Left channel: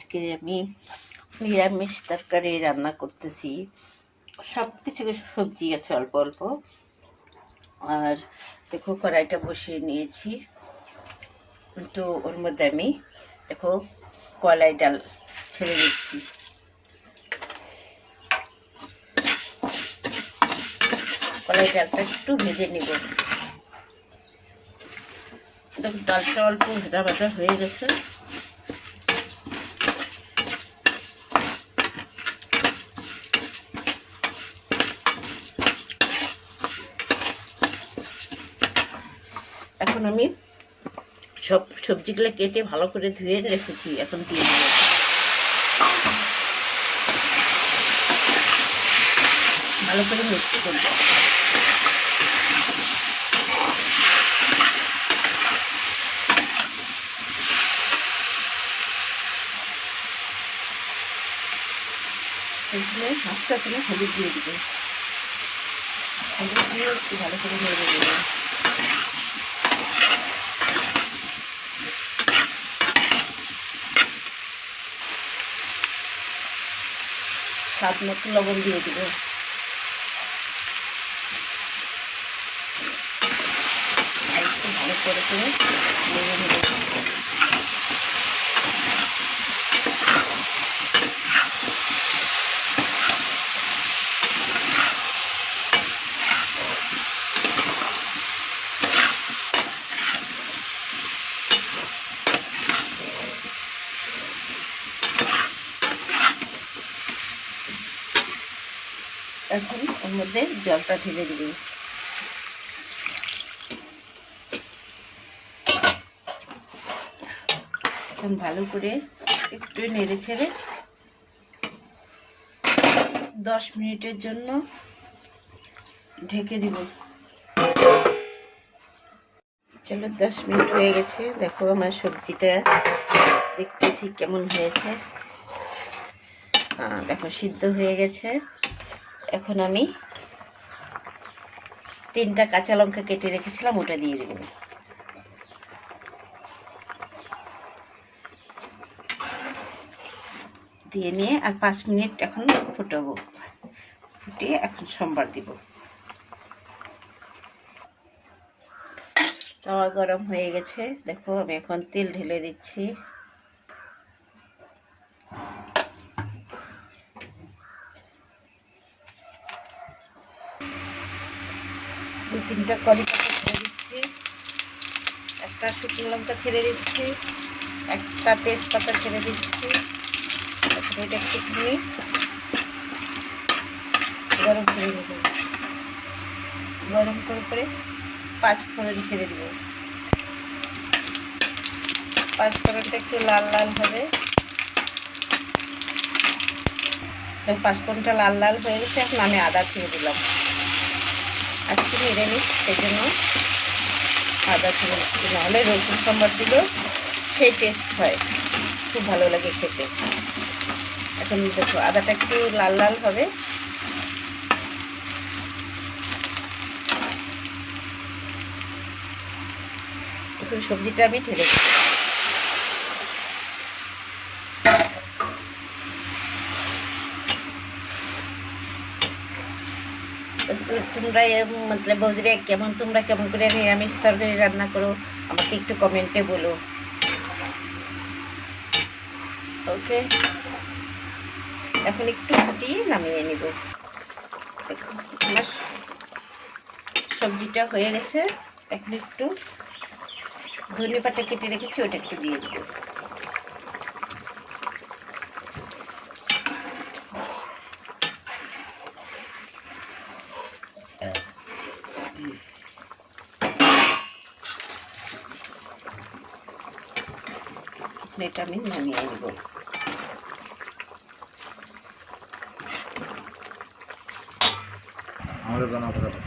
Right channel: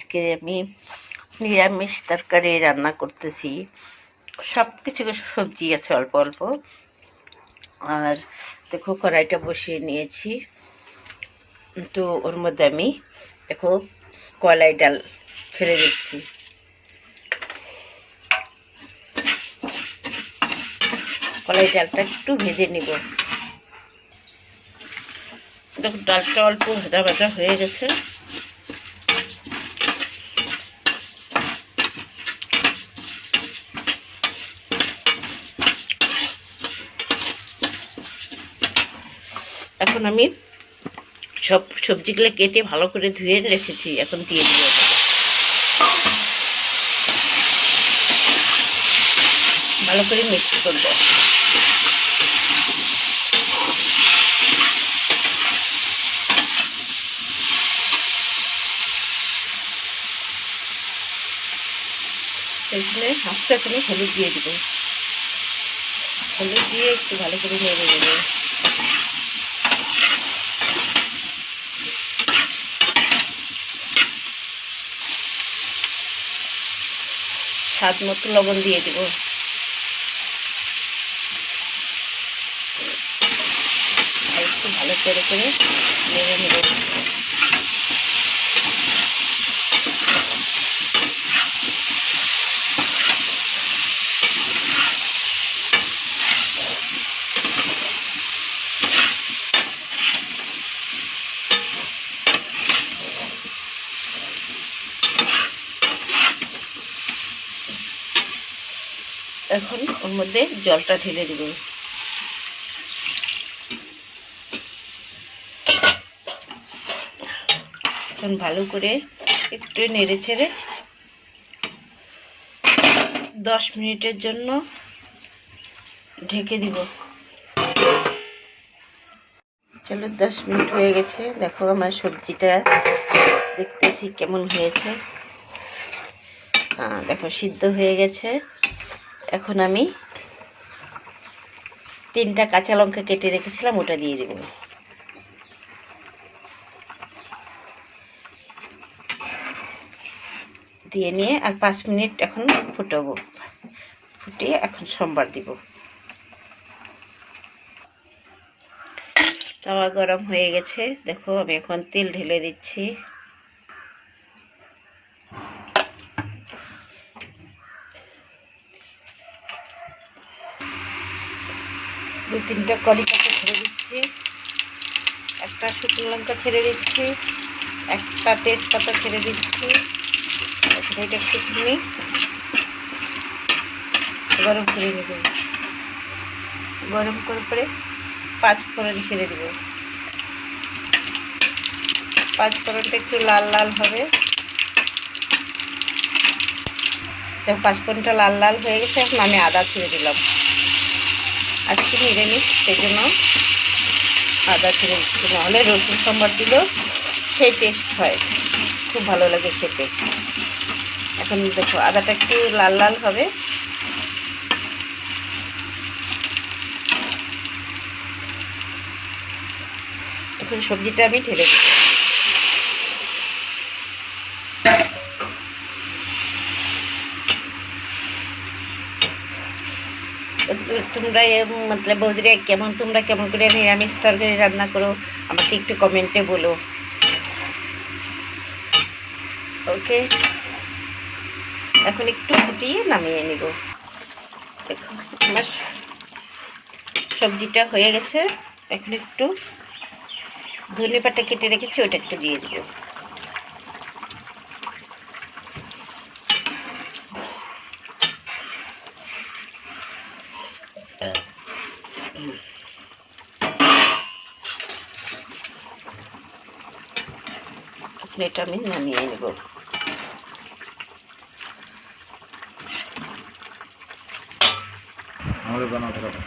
আজকে আমি নিরামিষ তরকারি রান্না করতেছি। সব কিছু সবজি আছে অল্প অল্প। আর দেখো কড়াইটা বসিয়ে নিয়েছি, তো ওর মধ্যে আমি দেখো কলাই ডাল ছেড়ে দিচ্ছি। কলাই ডালটা একটু ভেজে নিব। দেখো ডালটা অল্প ভাজা ভাজা হয়ে গেছে। এখন আমি সব সবজিগুলো কেটে ভালো করে ধুয়ে রেখেছি, এখন দিয়ে দিব। ভালো করে মিক্স করব। এখানে হাফটা করে হলুদ দিয়ে দিব। হলুদ দিয়ে একটু ভালো করে নেড়ে নেব। স্বাদ মতো লবণ দিয়ে দিব। আর একটু ভালো করে নেড়ে নেব। এখন ওর মধ্যে জলটা ঢেলে দিব। এখন ভালো করে একটু নেড়ে ছেড়ে 10 মিনিটের জন্য ঢেকে দিব। চলো 10 মিনিট হয়ে গেছে। দেখো আমার সবজিটা দেখতেছি কেমন হয়েছে। দেখো সিদ্ধ হয়ে গেছে। এখন আমি 3টা কাঁচা লঙ্কা কেটে রেখেছিলাম, ওটা দিয়ে দেব। দিয়ে নিয়ে আর 5 মিনিট এখন ফুটাবো। ফুটিয়ে এখন সম্বার দিব। তাওয়া গরম হয়ে গেছে। দেখো আমি এখন তেল ঢেলে দিচ্ছি। দুই 3টা কারি পাতা ছেড়ে দিচ্ছি, একটা শুকনো লঙ্কা ছেড়ে দিচ্ছি, একটা তেজপাতা ছেড়ে দিচ্ছি। এখন এটা একটুখানি গরম করে নেব। গরম করে 5 ফোড়ন ছেড়ে দেব। 5 ফোড়নটা একটু লাল লাল হবে। 5 ফোড়নটা লাল লাল হয়ে গেছে। এখন আমি আদা ছেড়ে দিলাম। আজকে নিরামিষ, সেই জন্য আদা ছেড়ে দিচ্ছি। নাহলে রসুন সম্বার দিলেও সেই টেস্ট হয়, খুব ভালো লাগে খেতে। এখন দেখো আদাটা একটু লাল লাল হবে। এখন সবজিটা আমি ঢেলে দেব। তোমরা মতলব বৌদিরা তোমরা কেমন করে নিরামিষ তরকারি রান্না করো আমাকে একটু কমেন্টে বলো। ওকে, এখন একটু ফুটিয়ে নামিয়ে নিব। দেখো আমার সবজিটা হয়ে গেছে। এখন একটু ধনেপাতা কেটে রেখেছি, ওটা একটু দিয়ে দেব। এটা আমি নামিয়ে নেব। আমাদের বানাতে হবে।